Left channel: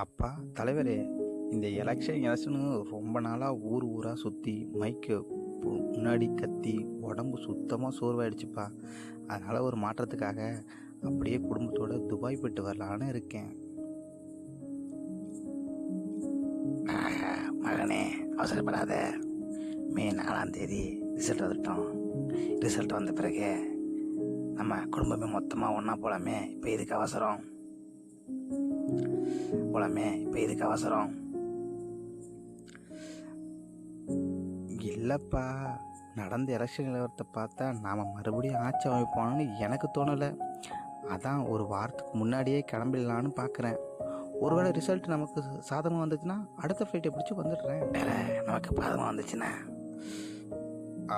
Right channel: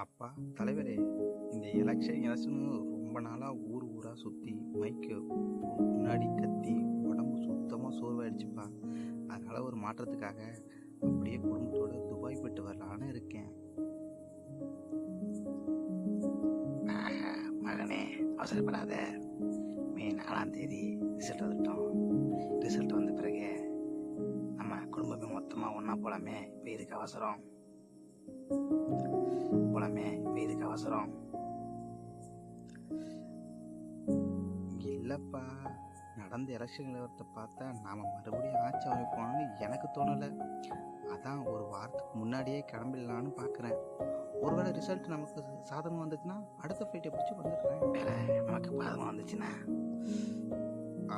அப்பா தலைவரே, இந்த எலெக்ஷன் ரொம்ப நாளாக ஊர் ஊராக சுற்றி மைக்கு முன்னாடி கத்தி உடம்பு சுத்தமாக சோர்வாயிடுச்சுப்பா. அதனால் ஒரு மாற்றத்துக்காக அப்படியே குடும்பத்தோட துபாய் போயிட்டு வரலான்னு இருக்கேன். மகனே, அவசரப்படாத. மே 4ஆம் தேதி ரிசல்ட் வந்துட்டோம். ரிசல்ட் வந்த பிறகு நம்ம குடும்பமே மொத்தமாக ஒன்றா போகலாமே. இப்போ இதுக்கு அவசரம் இல்லைப்பா, நடந்த எலெக்ஷன் நிலவரத்தை பார்த்தா நாம் மறுபடியும் ஆட்சி அமைப்போம்னு எனக்கு தோணலை. அதான் ஒரு வாரத்துக்கு முன்னாடியே கிளம்பிடலான்னு பார்க்குறேன். ஒருவேளை ரிசல்ட் நமக்கு சாதகமாக வந்துச்சுன்னா அடுத்த ஃப்ளைட்டை பிடிச்சி வந்துடுறேன். வேற நமக்கு பாதமாக வந்துச்சுன்னா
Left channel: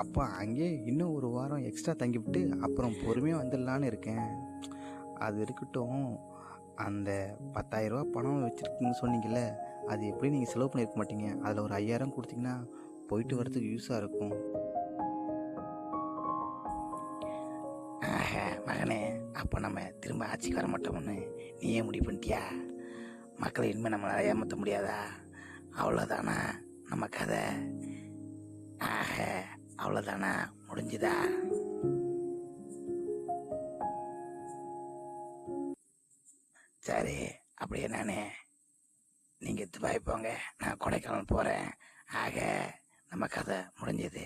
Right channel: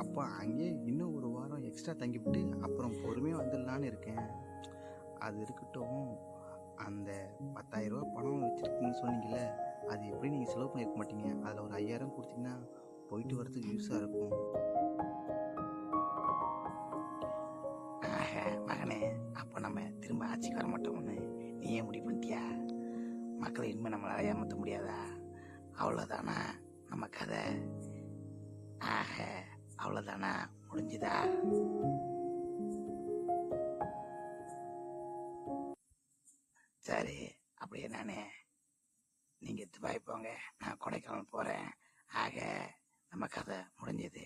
அப்போ அங்கேயே இன்னும் ஒரு வாரம் எக்ஸ்ட்ரா தங்கிவிட்டு அப்புறம் பொறுமையாக வந்துடலான்னு இருக்கேன். அது இருக்கட்டும், அந்த 10,000 ரூபா பணம் வச்சுருக்கீங்கன்னு சொன்னீங்கல்ல, அது எப்படி நீங்கள் செலவு பண்ணியிருக்க மாட்டீங்க? அதில் ஒரு 5,000 கொடுத்தீங்கன்னா போயிட்டு வரதுக்கு யூஸாக இருக்கும். மகனே, அப்போ நம்ம திரும்ப ஆட்சிக்கு வர மாட்டோம்னு நீயே முடிவு பண்ணிட்டியா? மக்களை இனிமேல் நம்மளால் ஏமாற்ற முடியாதா? அவ்வளோதானா நம்ம கதை? அவ்வளோதானா, முடிஞ்சுதா? சரி, அப்படியே நீங்கள் துபாய் போங்க, நான் கொடைக்கானல் போகிறேன். நம்ம கதை முடிஞ்சது.